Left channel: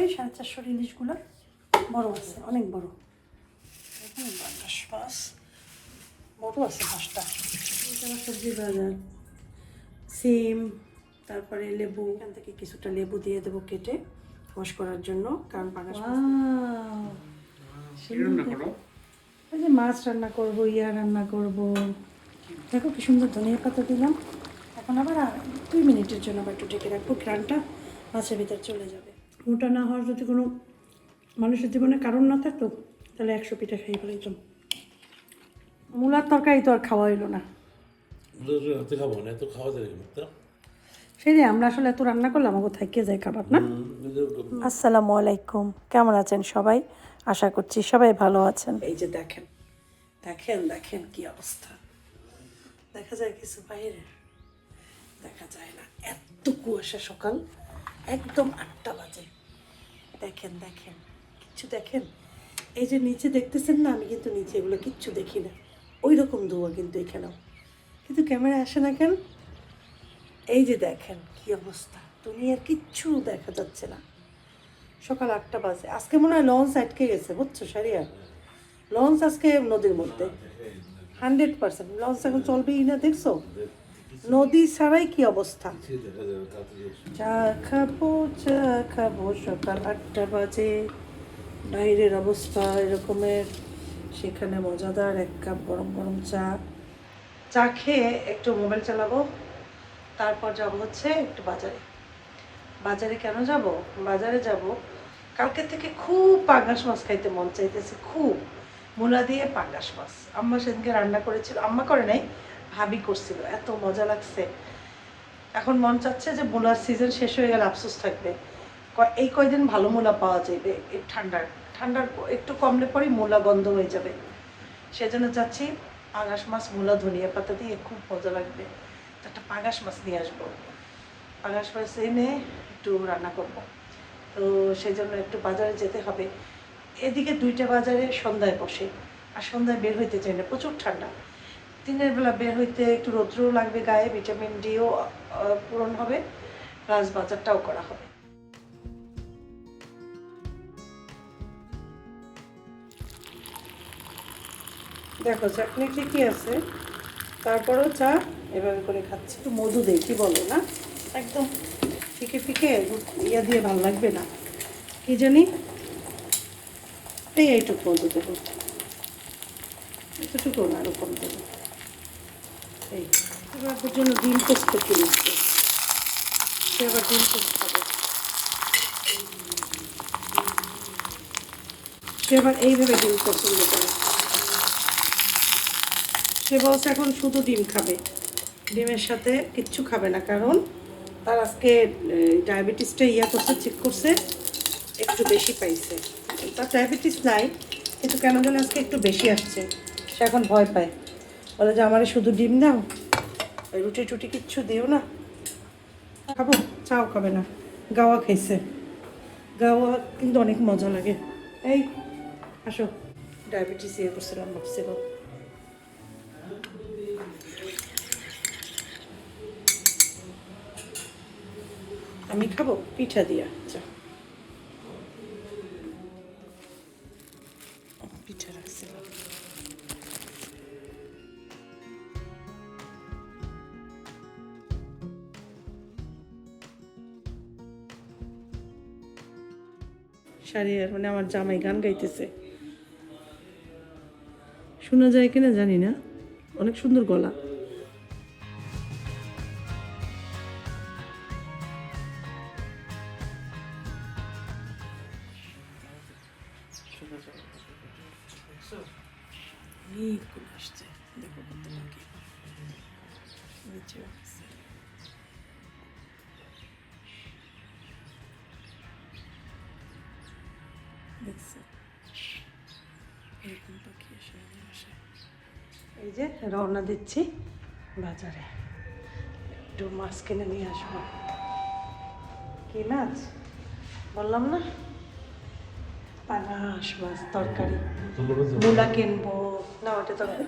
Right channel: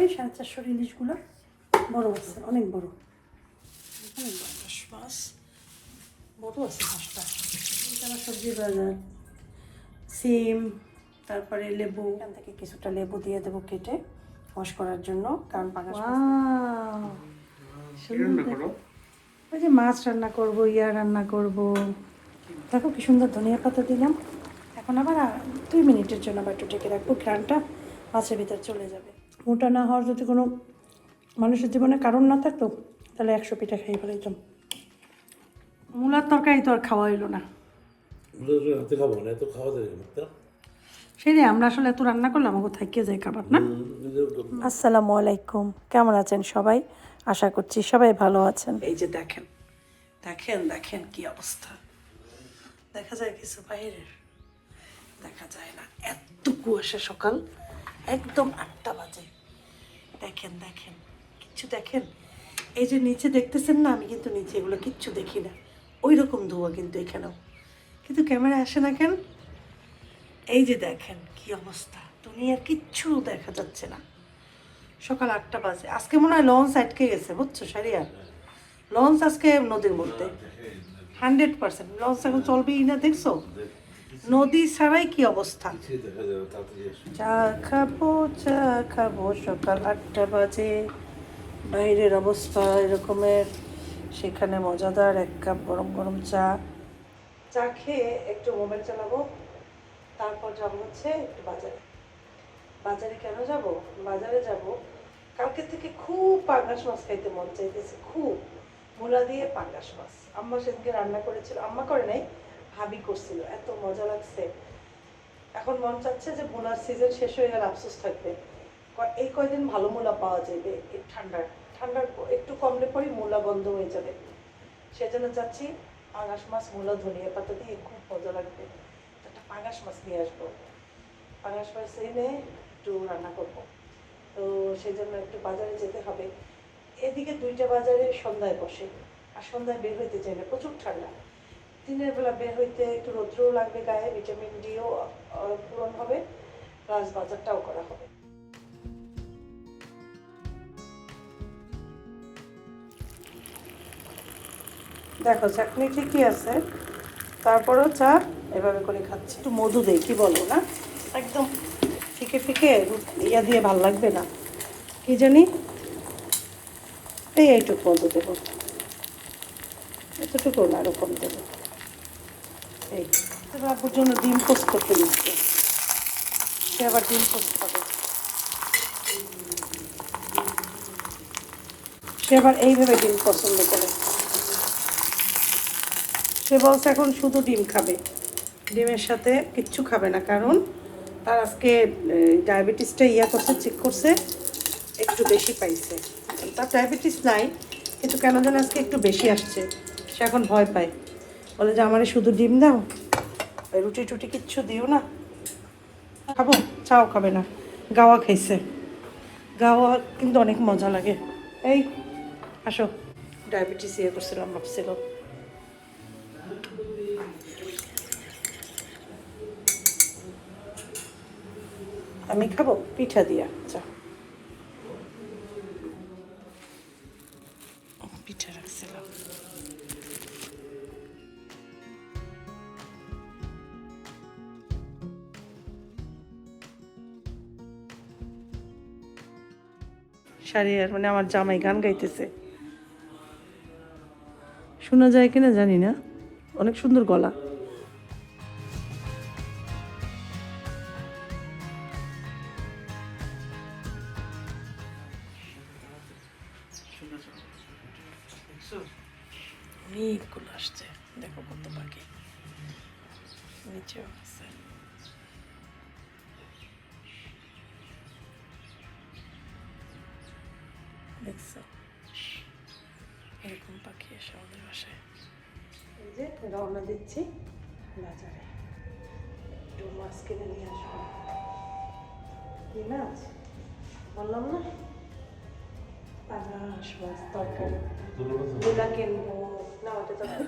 এই সাড়ে চারশোর ইলিশগুলো বড় আছে অনেক বড়। মাছ বড় আছে মাছটা সবজি বাজার সিম তারপরে লেবু। এখান থেকে কিছুটা লেবু দিয়ে দেবো কেটে ওয়াশ করার জন্য কারণ পাঙাশ মাছ ওই যে মাছ রান্না করব ইয়া রান্না করব। দেখো কি সুন্দর ধনিয়া পাতা দিলাম। এখন আবার দুই মিনিটের জন্য আবার একটু ঢেকে রাখব ঘ্রানটা মাছের ভিতরে চলে যাবে। মোটা না হওয়ার যদি কোনো মানুষের জীবনে কারণ না থাকতো তাহলে একশো পিঠা খাই ফেলাইতাম। মূলার তরকারি তো আর খাওয়া হলো না। রাতে খাব না এত খাওয়া যায় না সেই রে, আমরা আসলে এত রান্না করলাম কোথায় কে যায় খাবার না? আসসালামু আলাইকুম কেমন আছেন সবাই? আশা করছি সবাই ভালো আছেন। এই যে দেখেন দেখেন দেখেন কি অবস্থা। দেখা যায় কিছু বাইরের দেখা যায় না। এত কুয়াশা সকাল একদম আটটা বাজে। দেখেন দেখেন, কিচ্ছু দেখেন? এই যে নিচে দেখতেছেন না, আমি কিন্তু নিচে এগুলো কিচ্ছু দেখি না। ওই রকম ধোয়া কিন্তু এখানেও। কিন্তু ক্যামেরা আসে না কেন? এই যে দেখেন কি অবস্থা। দুনিয়ার কিচ্ছু দেখা যাচ্ছে না। সকাল আটটা বাজে। আজকে মনে হয় লঞ্চ আটকে গেছে, বুঝছ, সারিয়া? লঞ্চ আজকে নদীর মধ্যে। Hundred percent. লঞ্চ এখন চলবেই না, দেখছ? নদী ছাড়াই কি অবস্থা? চা খাব চা খাব, সকাল আটটা বাজে। বাইরের অবস্থা এরকমের। সেখানে মজাদার, এক কাপ গরম গরম চা। চা খেয়ে একটু মোবাইল চালাবো, তারপর যাব হচ্ছে একটু বাজারে। বাজারে কেন যাব? বাজারে যাব। কালকে থেকে খুব পাঙ্গাস মাছ খাইতে মন চাইতেছে, খুব। মূলা দিয়ে পাঙ্গাস মাছ। আম্মা সেদিনকে রান্না করেছিল, আম্মা করে নাই ভাবি করছিল, এত মজা লাগছে। এখন মন চাচ্ছে যে মূলার সিজন শেষ হয়ে গেলে আফসোস থাকবে। এই কয়দিন ভালো মূলা পাওয়া যাবে ঠান্ডার ঠান্ডার একটু কমলে পরই মূলা গন্ধ হয়ে যাবে। সেজন্য চাচ্ছি পাঙাশ মাছ, মূলা, ধনিয়া পাতা দিয়ে খুব মজা লাগবে। একটা পাঙাশ মাছ নিয়ে আসব। পাঙাশ মাছ এনে একটু রান্না করব। তো সেই জন্য একটু বাজারে যেতে হবে। এদিকে দুইটা বাজারে সন্ধ্যায় বসে। আর সন্ধ্যায় বের হইতে চাই না, প্রচুর ঠান্ডা। দিনের বেলা বের হইতে একটু রৌদ্রও লাগবে গায়ে, ভিটামিন ডিও পূরণ হবে, প্লাস বাজারটাও করা হবে। দেখো, চাটনি ঠিকই আছে, তারপরেও চা, এভাবে করে খাচ্ছি। একটু মধু দেই, কি বলো না? একদম ফিকে ফিকে, ইয়া দিয়ে ভালো লাগবে না। কি জানি? এই এইটুকু মধু দেবো। এতটুকু না এরকম দেবো। এই বাবুর জন্য ডিম পোস্ট করতে দিচ্ছি। সে আবার ডিম খাবে সে আবার এইভাবে ডিম পছন্দ করে। সে বলছে এখন শুধু ডিম খাবে। ডিমের সাথে কিচ্ছু খাবে না, কারণ তার আজকে ডায়াবেটিসটা ইয়া করছে চেক করছে, একটু বেশি পাইছে। তার ডায়াবেটিস নাই, কিন্তু কেন যেন আজকে একটু বেশি আসছে। সে এখন ভয় পায়। বলে যে, আমার শুধু ডিম দাও রুটি টুটি কিচ্ছু দিও না। খাব, চাও খাবে না। গাওয়া খাইছে। গাওয়া কিন্তু অনেক মজা লাগে। এই, আসো। ডায়াবেটিস ইয়ে করছিলাম, ভাবছিল। আমি খাব, পিঠা দিয়া চা শাড়িয়ার মানে আমার জামাই গান গাইতেছে। শোনা যায় কিনা জানি না, অনেক সুন্দর গলা। অনেকগুলো আসছে? দেখো কত নিচেও রওনা দিচ্ছি বাজারে। একটু মাছ কিনে নিয়ে আসব। কি মাছ বললাম না? পাঙাশ মাছ তরকারি। মূলা কিনবো। না ওটা তরকারি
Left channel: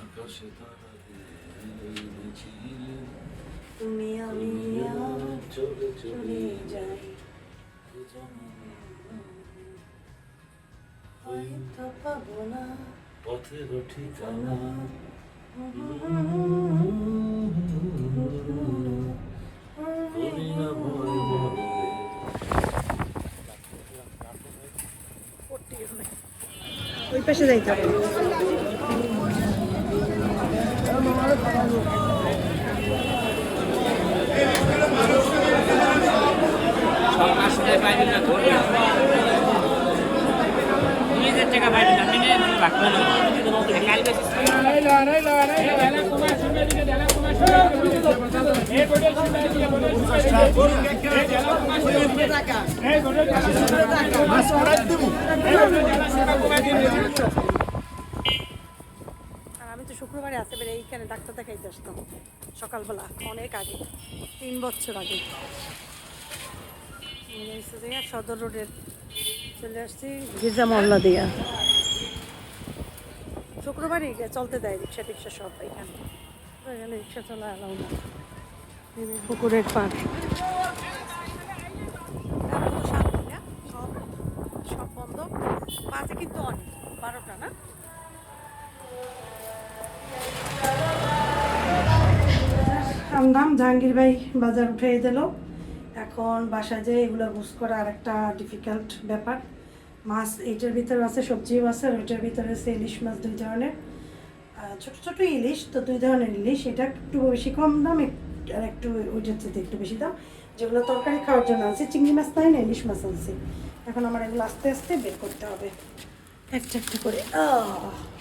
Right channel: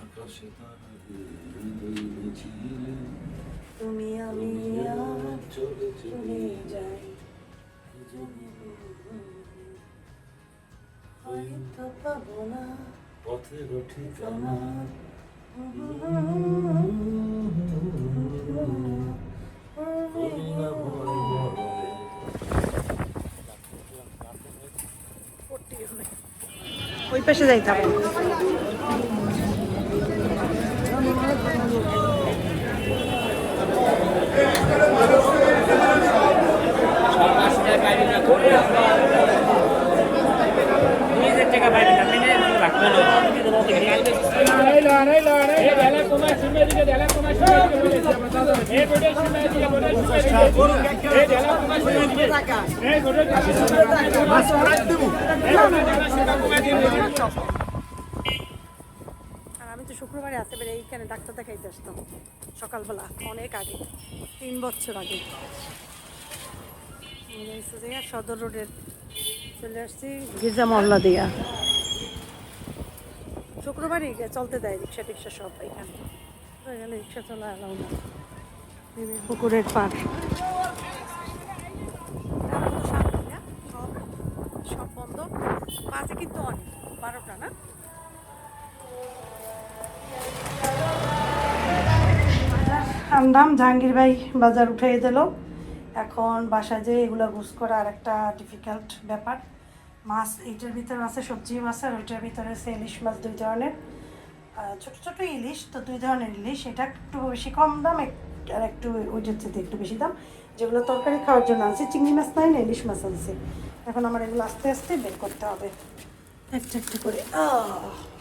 আকাশে তারা গিয়েছিলেন তুমি আমি চলে চলে যাই। হয়তো পাবো না। পথের ঠিকানা। ওই পাশে যাইতাম আমি তো শুক্রবারে আসতে পেরে এইখানে ডাক্তার দেখাইতে আসতাম, সকালবেলা, অনেক আগে, তিন বছর আগে। সদর রোডের চলে আসছি। গির্জা মহল্লা দিয়া। শুক্রবারই চলতে দেয় রিক্সা টিক্সা সব এখানে। এখানে রিক্সা চলা এলাও না। পুকুরের পার? সব সব বন্ধ। বাজে কিন্তু অনেক বারোটা না? আমদাম জাহাঙ্গীর ভাই বাজার উঠিয়ে দিল এখন বাসা যে এগুলো বুঝ করা আর একটা ডিফিকাল্ট ব্যাপার। মাছ, এইটার ভিতরে আছে সবজি মাছ আর ওইটার ভিতরে আছে ইলিশ মাছ দুই ধরনের। ছোট ছোট ইলিশ, তো দুই ধরনের ইলিশ। এটা একটু বেশি কম দাম আর একটু ওইটার চেয়ে একটু বেশি দাম। যেগুলো তরকারি খাওয়ার জন্য আছে, চিংড়ি মাছ নয় না ইলিশ মাছ আছে। এখন আমার এগুলো আস্তে আস্তে বের করতে হবে। একটু একটু করে। আহ!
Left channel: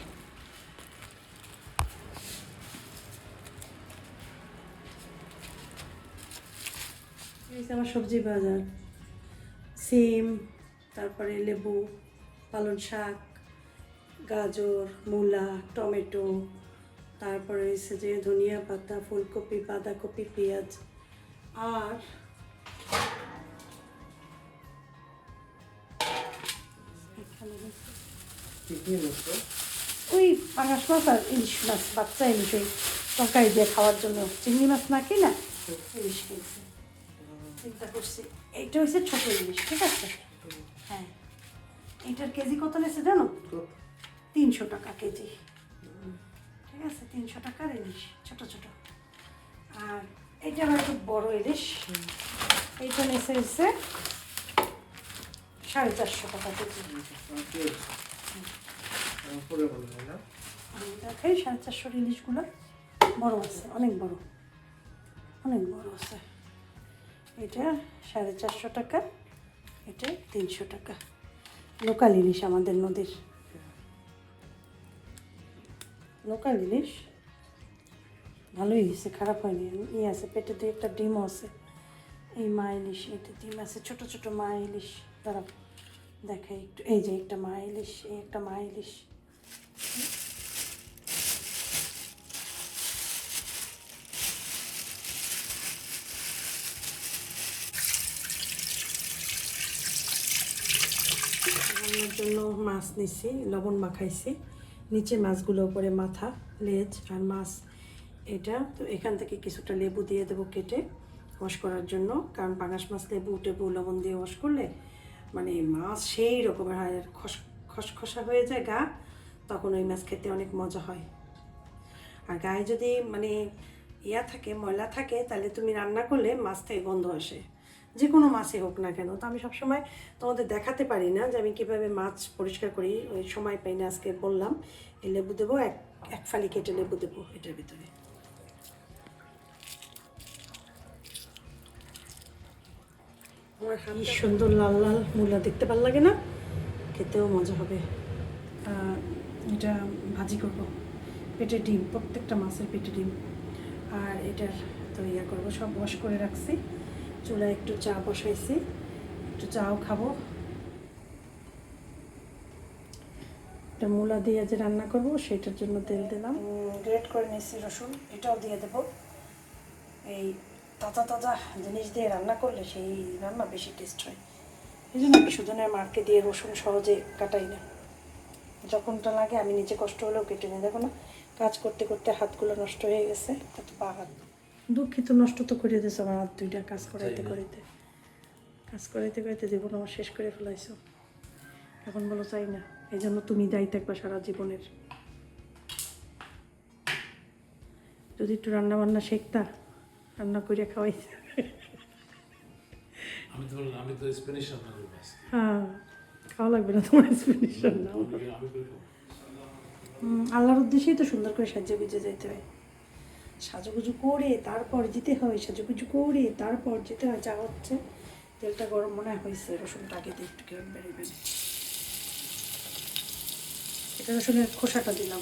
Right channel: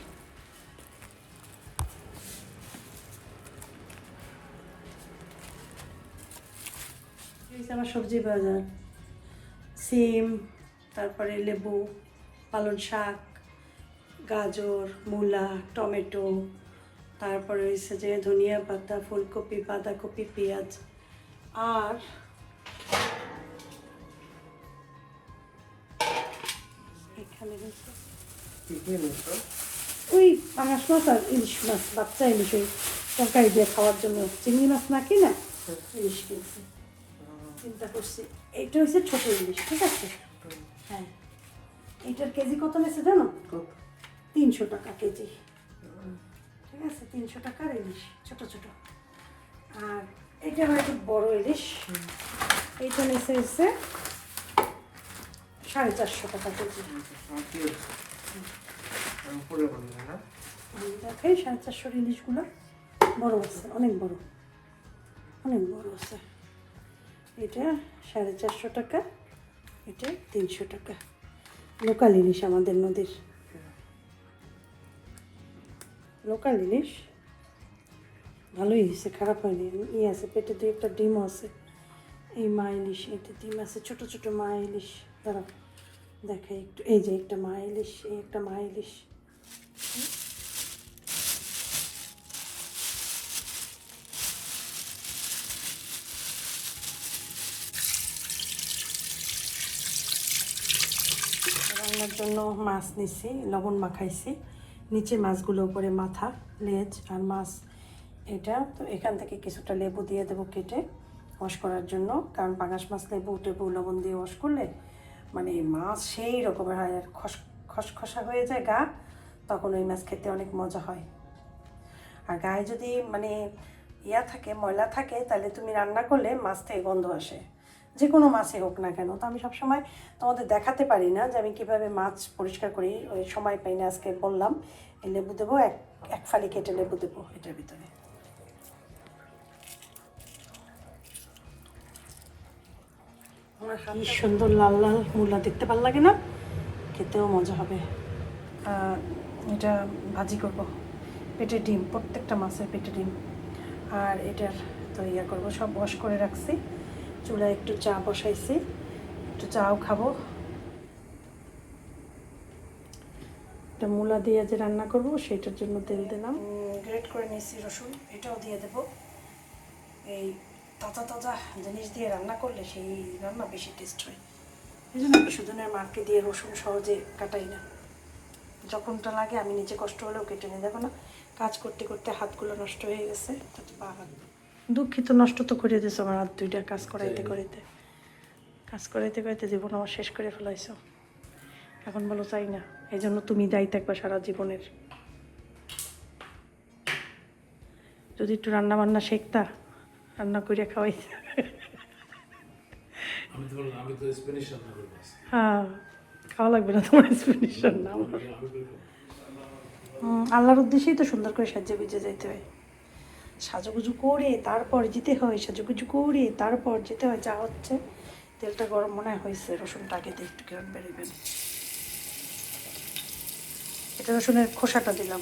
আমার সবজি বাজার। সিম তারপরে লেবু পালং শাক গাজর মূলা টমেটো তারপরে হচ্ছে যে ধনিয়া পাতা ফুলকপি বাঁধাকপি পেঁয়াজ। আর ওই পাঙাশ মাছ আর ইলিশ মাছ বাচ্চা ইলিশ ওই তরকারি দিয়ে খাওয়ার জন্য চিংড়ি মাছ না কিনা ইলিশ কিনছি। চিন্তা করছি। এইটা হচ্ছে ছোট ইলিশ ঠিক আছে? হ্যাঁ। এইটার কেজি কত নিয়েছে জানো? তিনশো টাকা কেজি। ঠিক আছে তিনশো টাকার ইলিশ ছোট ছোট। আর এইটা আমার একটু বড় ইলিশ। এইটা নিচে হচ্ছে সাড়ে চারশো টাকা কেজি। দেখাই সাড়ে চারশোর ইলিশগুলো বড় আছে অনেক বড়। অনেক বড় আছে। এটা সাড়ে চারশো টাকা, এটা তিনশো টাকা। লোকাল ইলিশ আমাদের নদীর। লোকাল ইলিশ, ভালোই হয়েছে, খারাপ হয়নি। ই আছে, পেটে দিয়ে একটা ডিমও আছে। এই মা ইলিশ, এটা ডিম আছে, ছোট ছোট মা ইলিশ। দাঁড়াও দেখে একটু। এই যে একটা মা ইলিশ, এই একটা মা ইলিশ। রান্নার জন্য মাছ নিছি, লবণ মাখাইছি। নিচে মাছগুলো উপরে মাথা, লেজ আর মাছ। এটা তো এখান থেকে কিছুটা লেবু দিয়ে দেবো কেটে ওয়াশ করার জন্য। কারণ পাঙাশ মাছ লেবু, টেবু, লবণ দিয়ে ওয়াশ করলে মানে মাছ সেই রকমের হয় আর খস, খসখসা হয়ে যায় গা, তখন ওই মাছ খেতে অনেক মজা হয়। আর গায়ে যদি মানে ইয়া থাকে, ময়লা থাকে, তাহলে তুমি রান্না করলে মাছ থেকে গন্ধ আসে। যে কোনো মাছই হোক না কেন। তো আমি সবসময় তোমাদের দেখাতে পারি না যে আমি কীভাবে মাছ পরিষ্কার করি। ওই সময় পাই না আজকে বললাম এই লেবু দেবো এক এক ফালি কেটে লেবু দেবো এটার ভিতরে। আমি সুন্দর লাল লাল মূলা দেখতে ভালো লাগে না? খেতেও মজা হবে। আর এটা ভাজি করব। পেটে ডিম প্রত্যেকটা মাছের পেটে ডিম। আর এটার তো ইয়া করব সব ওয়াশ করে রাখছি। চুলায় একটু চা বসাইছি। একটু চাও খাব। তো মূলা দিয়ে যে রান্না করব সেটার জন্য তেল দিলাম। গ্রেট করে নিয়েছি রসুন, এটাও দিয়ে দেব। এই তাজা তাজা জিনিস দিয়ে রান্না করলে সেই রান্না বেশি টেস্ট হয়। এই জন্য আমি সুজনের মাকে দিয়ে রসুন সহজে কাটাই না। যখনটা লাগে আমি নিজে কষ্ট হলেও কেটে নিই। দেখো না, কাজ করতে করতে হাতগুলো নষ্ট হয়ে গেছে, এত পা হাত। দুঃখিত নষ্ট তো করে দিয়েছ আমার হাত দুইটা কাজ করাইতে করাইতে। কাজ করাইতে করাইতে জীবন আমার শেষ করে ফেলাইছো। এখন বলো চাই না। এই জন্য তুমি দায়ী থাকবা সারা জীবনের। যদি একটু রান্না বান্না শিখতা রান্না করে খাওয়াইতে। আমি তো আমি তো স্প্যানিশ রান্না করব আজকে। হ্যাঁ খাওয়া লাগবে না তোমার এক্সপ্লেনেশন না আমার। আমি করব হুম, আল্লাহর উদ্দেশ্যেই তো সুন্দর করে সাজিয়ে গুজে যাইতে হয়। সাজুগুজু করে তারপর যেতে হয়, সাজুগুজু করে তারপর যেতে হয়। যা হচ্ছে, তেলটা গরম মনে হয় হয়েছে, রসুনটা আগে দিয়ে একটু কেমন বেরিয়ে এটা রসুনের খোসাটা দিলাম।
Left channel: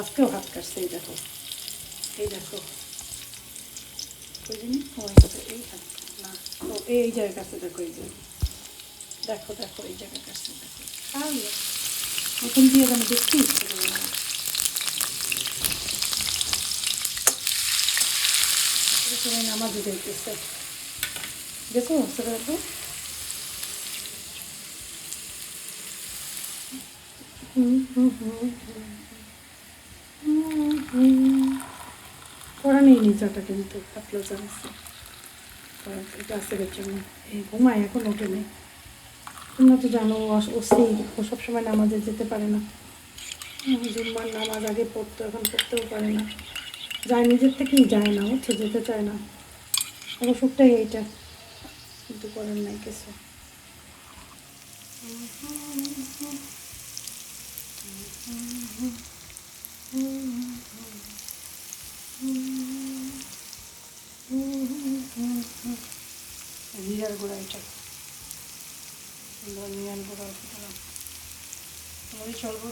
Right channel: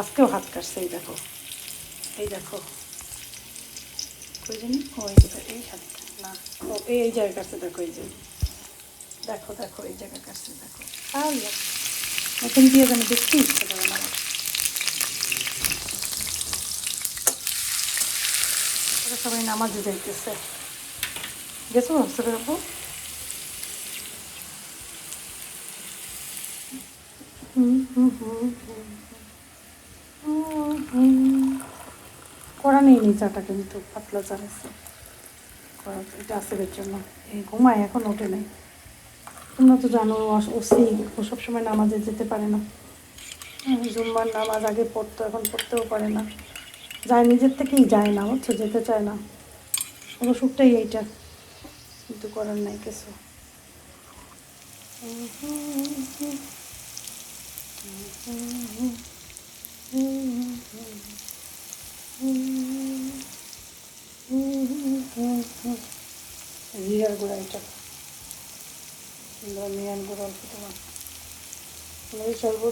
আজকেও হাত কাটছে, এই দেখো। এই দেখো। জানি ও এই হাত, না, ও এই জায়গায় কাটছে, দেখো এই যে। দেখো দেখো, এই জায়গায় কাটছে, দেখো। আল্লাহ। নতুন দিয়ে আমি করে না আমার। ওরা সবাই নামাজে যাইতেছে গেছো সুরে আপু করা নেই নি চাটা, কিন্তু পাতলা চা আছে। এটা আছে জন্য। এই ঘুমায়, এখন ওঠে নাই। তোমরা তো জানো ওসি ও সবসময় নামাজে যেতে পারে না। জুম্মার নামাজ আগে পড়তো, এখন পড়তেও পারে না। যায়, নিজের থেকেই যায় না, হচ্ছে যেতে চায় না। ওর সুখটাই এইটা। কিন্তু করার নাই কিছু।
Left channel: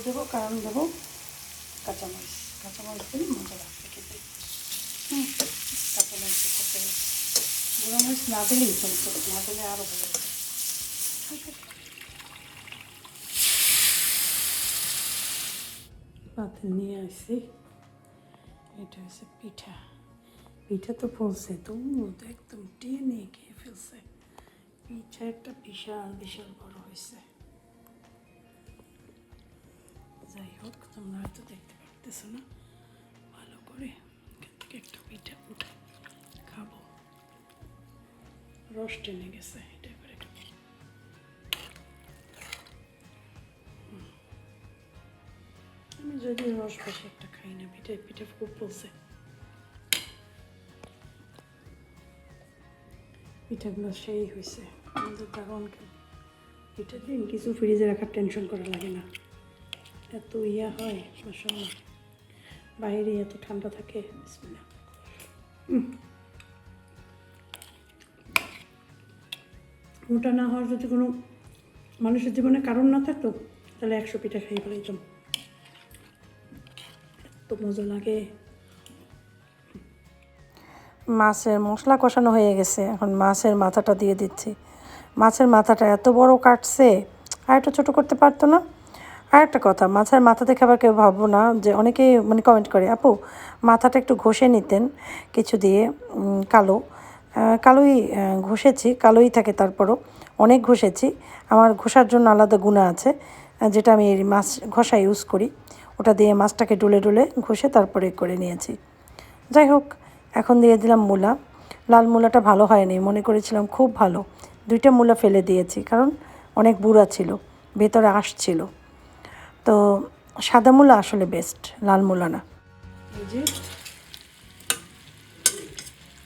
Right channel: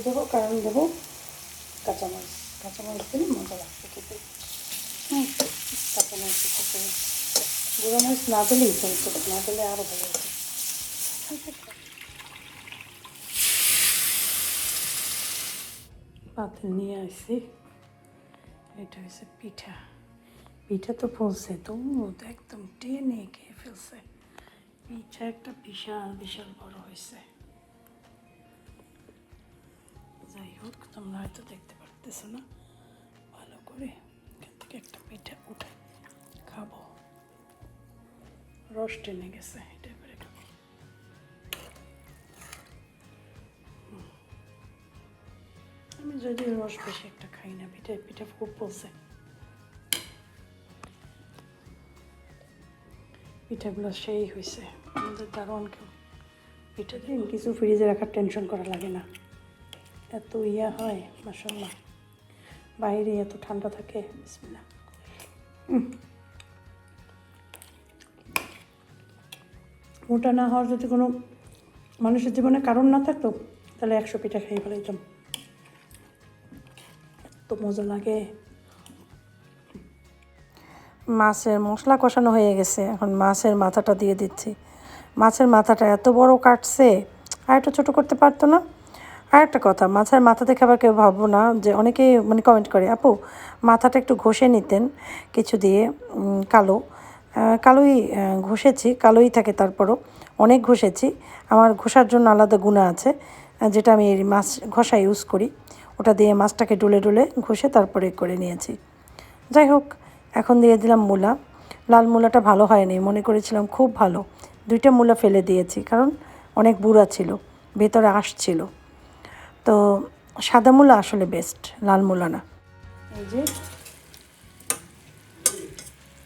দেবো, কারণ দেবো কাঁচামরিচ। কাঁচামরিচ দিলে মজা লাগছে খেতে হুম গুঁড়ো মরিচ ভালো হতো পাতিল নিয়ে আসছি। এটা হচ্ছে পিঠা। পিঠা তো ফুলছে দুধ একদম টেনে খেয়ে ফেলছে। পিঠা একটা বিশাল বিশাল বড় হয়েছে। যাই হোক, তোমরা হয়তো দেখতে পারতেছো না? ভালো করে এখান থেকে একটা পিঠা উঠে খাব। রস টেনে গেছে এটা। আমি যদি রস বেশি একটা খাই না, পিঠা পিঠা খুব বলছে। পিঠাগুলো সেই হয়েছে আমাদের দারুণ কেউ পিঠা দিন, কিছু ফ্রিজে রাখার টেনশন করা লাগে না। এত ইয়া হয় মাসাল্লাহ বাইরে এত ঠান্ডা থাকে। মোটা না হওয়ার যদি কোনো মানুষের জীবনে কারণ না থাকতো, তাহলে একশো পিঠা খেয়ে ফেলাইতাম। এত মজা লাগে। মাছের মশলা কষানো হয়ে গেছে, এখন মাছের মাথাটা দিয়ে দিচ্ছি। মাছের মাথাটা এত বড় কাটছে, আর একটু ছোটো করতে পারতো না? আর একটা কথা মাছের মাথা দেখে আবার কেউ ভাববো না যে অনেকেই মানে কমেন্ট করে, আপু, মাথাটা একটু ঘষে নিতেন কিছু দিয়ে কালো। কালোই ঘষেছি, কালোই থাকে তারপরও। অনেক ঘষেছি। আমার ঘষার জন্য আলাদা গুণা আছে যেটা আমি মাছ ঘষা ইউজ করি। ওটা দিয়ে মাছটাকে ডুলে ডুলে ঘষে তারপরে করে নিয়েছি। যাই হোক, এখন দিয়ে দিলাম মূলা। লাল মূলাটা ভালো হয়নি, মনে করেছিলাম খুব ভালো। দুইটা মূলা ফেলে দিয়েছি, কারণ অনেক বুড়া ছিল, ভেতরে আঁশ ছিল। তো সাদা মূলা আসলে বেস্ট লাল মূলা না। এই যে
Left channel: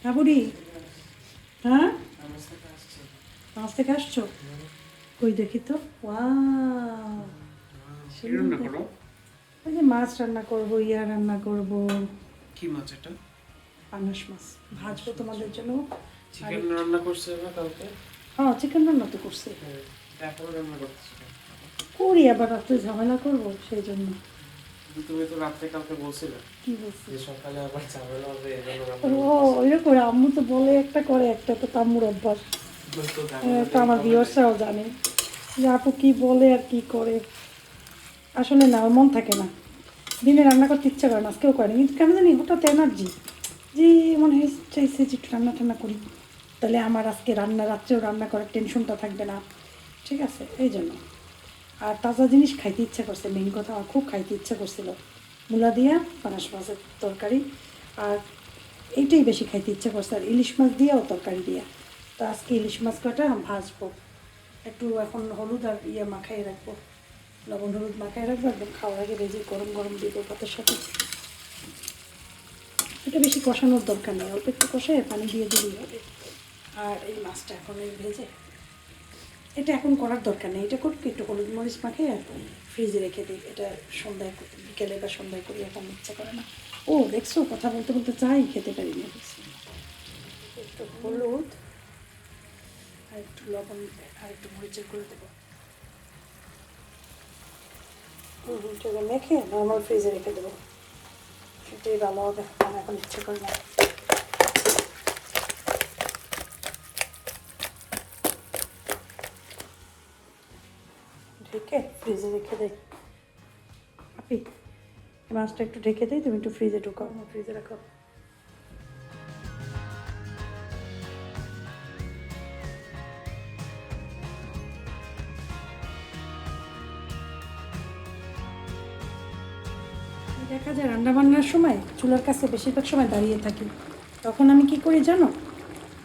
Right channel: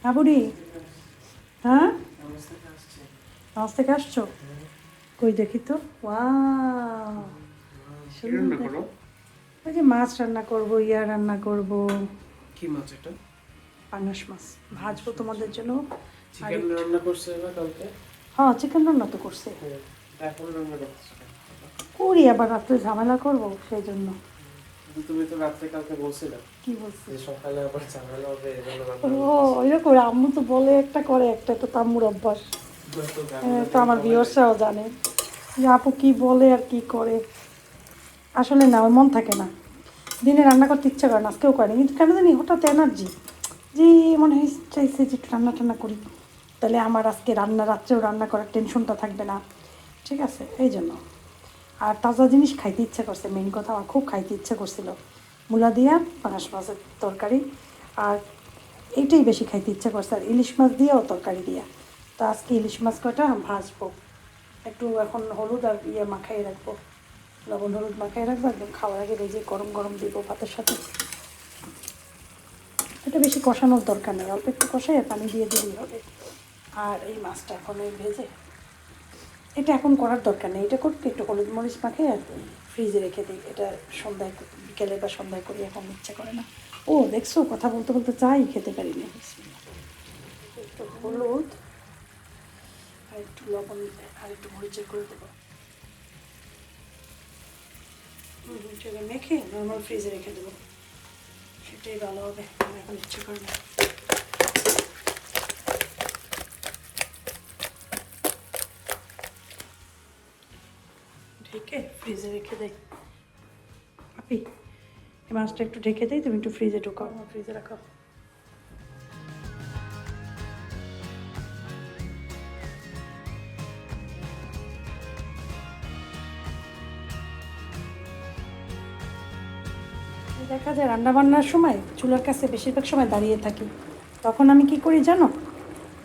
হ্যাঁ বুড়ি হ্যাঁ? নাচ থেকে আসছো? কই দেখি তো? ওয়াও ওই যে মাছ রান্না করব ইয়া রান্না করব। কি মাছ এটা? পাঙাশ মাছ ভাজবো তোমাদের জন্য। চিকেন রান্না করছে কালকে? হ্যাঁ চিকেন রান্না তো করছে। এটা রান্না করছে। করি আবার রাত্রে ঝামেলা করব সেই জন্য। তুমি তো রাত্রে কালকে বলছিলে কি বলছি? সকালে আবার ঝামেলা হবে ও ওইরকম আম্মু তো বলে একটা করে একটা তো তাম্মুর অভ্যাস। তো আমার ভিউয়ার্সরাও জানে। যে আপু কি বলে আর কি করে। আসলে না আমার মন থাকে না। দিনে রান্না করতে ইচ্ছা করে না আজকেও করে কিন্তু কেন জানি হঠাৎ এনার্জি যে মনে হয় চাইছে যে একটু রান্না টান্না করি। তাহলে আমার আজকে রান্না রাত্রেও রান্না করার টেনশনটা থাকবে না। ঠিক আছে এই জন্য। আর তাজা জিনিস খাইতে ইচ্ছা করছে। মেন কথা, আমার খুব খাইতে ইচ্ছা করছিল। মূলা দিয়া পাঙাশ মাছের তরকারি। আর এইটাই বেশি খাইতে ইচ্ছা করছে। আর ইলিশ মাছ দিয়েও তরকারি দিয়া। তো আজকে ইলিশ মাছ কটা ভাজবো। একটু এখন হলুদ আর ইয়ে মাখাই রাখব। লবণ হলুদ মাখাই রাখব। একদম খাওয়ার আগে ভেজে গরম গরম দিব ভাতের সাথে। এটা বেশি কষানোর দরকার নেই। অল্প একটু কষে পানি দিয়ে দিলেই হবে। আর এই মাছটা এখন ভেজে এটা এখন করার দরকার নেই। এটা করতে একটু হলুদ মরিচ মাখে ফ্রিজে রেখে দিই। এটা সন্ধ্যায় বিকেলে বা সন্ধ্যায় করি, এখন ইচ্ছে করে না। ও, দেখছ, কথা বলতে বলতে চাই, খেতে পারি না একটু হলুদ আর একটু লবণ আর একটু মরিচের করে দেবো। মেখে নর্মাল ফ্রিজে রেখে দেবো। সেটাই ভালো হবে এখন ইচ্ছে করে না। ঢেকে ফ্রিজে রেখে দেয় আপনি মাছটা একটু ঢেকে দিই তুমি একটু ফ্রিজে ঢুকাও। ফ্রিজে রাখো দেখা যায় রান্না বান্নার সময় চুলার কাছে বেশিরভাগ সময় দাঁড়িয়ে থাকি। তখন আমি কি করি জানো?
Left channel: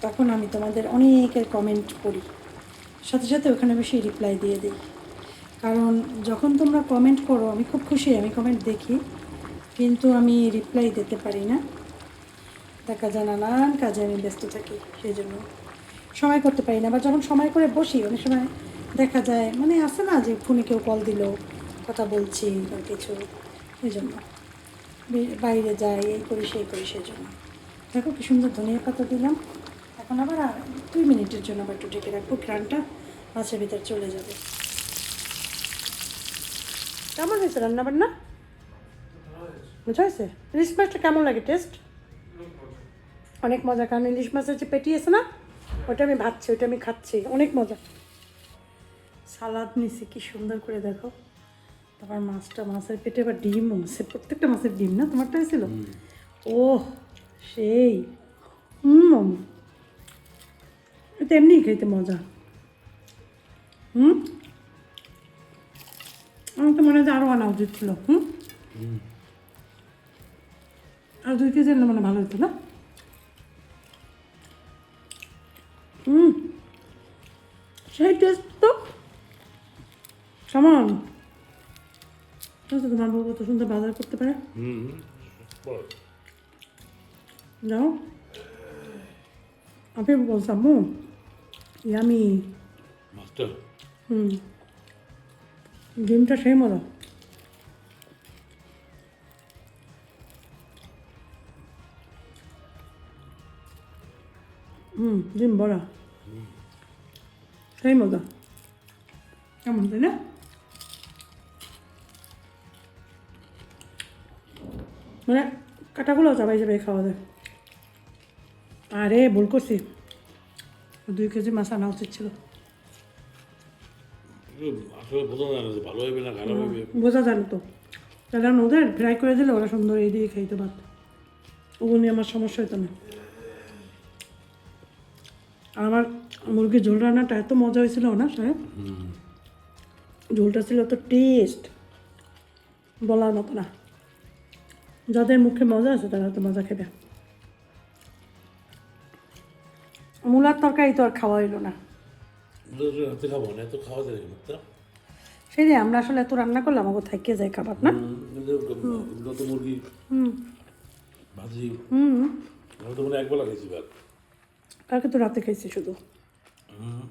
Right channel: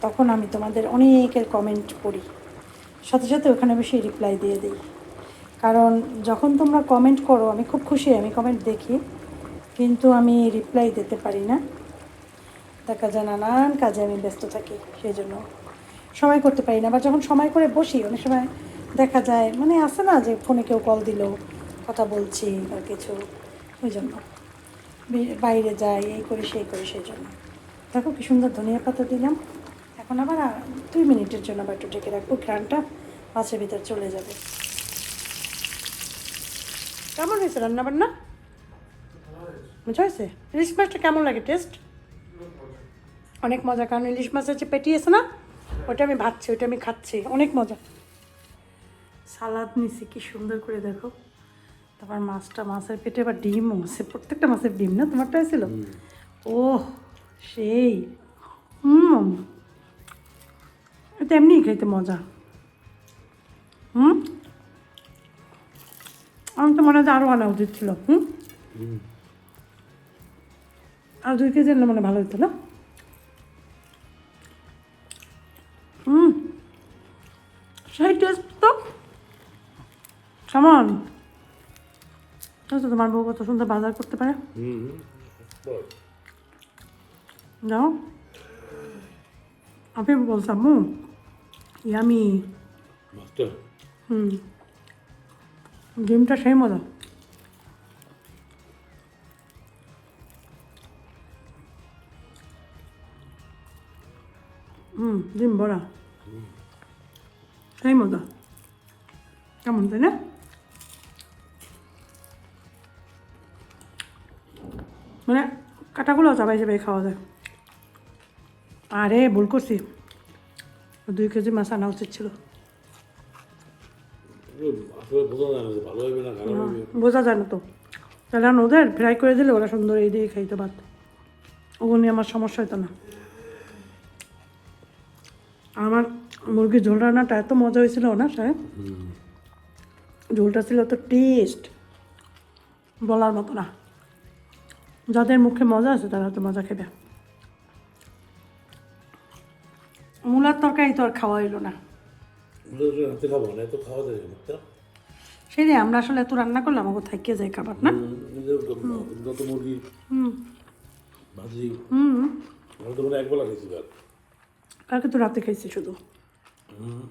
তখন আমি তোমাদের অনেকের কমেন্ট করি। সাথে সাথে ওখানে বেশি রিপ্লাই দিয়ে দিই। কারণ যখন তোমরা কমেন্ট করো, আমি খুব খুশি, আমি কমেন্ট দেখি, কিন্তু আমি রিপ্লাই দিতে পারি না। দেখা যায় নানান কাজে আমি ব্যস্ত থাকি, সেই জন্য সময় করতে পারি না। বা যখন সময় করে বসি, অনেক সময় দেখা যায় মানে আসে না যে ফোনে কেউ কল দিল, কথা বলছি বা কিছু ওই জন্য। বাইরে যাই, এই করি, সেই করি, সেই জন্য। দেখো কি সুন্দর ধনিয়া পাতা দিলাম। এখন আবার দুই মিনিটের জন্য আবার একটু ঢেকে রাখব ঘ্রানটা মাছের ভিতর চলে যাবে। কেমন হয়েছে রান্না বান্না বুঝা হয়েছে? ইলিশ মাছটা কেমন লাগে? টেস্ট অনেক মজা কারণ ইলিশ মাছ আছে পেটি আছে না ওটা আমি ভাবছি ওটা আমি খাচ্ছি। অনেক মজা। সালাদ নিছি কি সুন্দর করে দেখো। তোমার মাছটা মাছের পেটে আবার ডিমও আছে প্রত্যেকটা মাছের ডিম না তোমারটা ছিল ও সেই। হুম। এটা এমনি খাইতে মজা। হুম? তো মনে হয় আরও আনা উচিত ছিল হুম? আর দুই কেজি আনলে মনে ভালো হতো না? হুম। সেই টেস্ট তো। কেমন তো তোমার বউ কত সুন্দর বাজার করতে পারে। যাও। আমি বলতাম হুম ইয়ামি। হুম। ডিমটা সেই মজা। হুম ডিম বড়া। সেই মজা। কেমন, তাই না? মানে কাটাগুলো চাবাই যাবে খাওয়া যায়। আরে, ভুল করছি। দুই কেজি মাছ আনা উচিত ছিল। আসলে বোঝা যায় না যে ভালো হবে না খারাপ হবে। বোঝা যায় না তো। আমি ওদের ফ্রাই করে দিলে ওরা সুন্দর এই দিয়ে খাইতে ভাত ওগুলো নিয়ে আমার সমস্যা হতো না। আমার মুরগির ঝোল রান্নাটা এত মজা হয়েছিল না সাহেব? ঝোলটা ছিল তো টেস্ট বলার মতো না। যাদের মুখে মজা আছে তারা তো মজা খেবে মূলার তরকারি তো আর খাওয়া এলো না। খাব না এত খাওয়া যাবে না রে, আমরা আসলে এত রান্না করলাম আমাকে থাকিয়ে যায় খাবার না? গত মুরগি হুম। ভাজি হুম। আমি তো মনে একবেলা খেয়েছি ভাত কালকে তো রাতে খাইছি শুধু। হুম।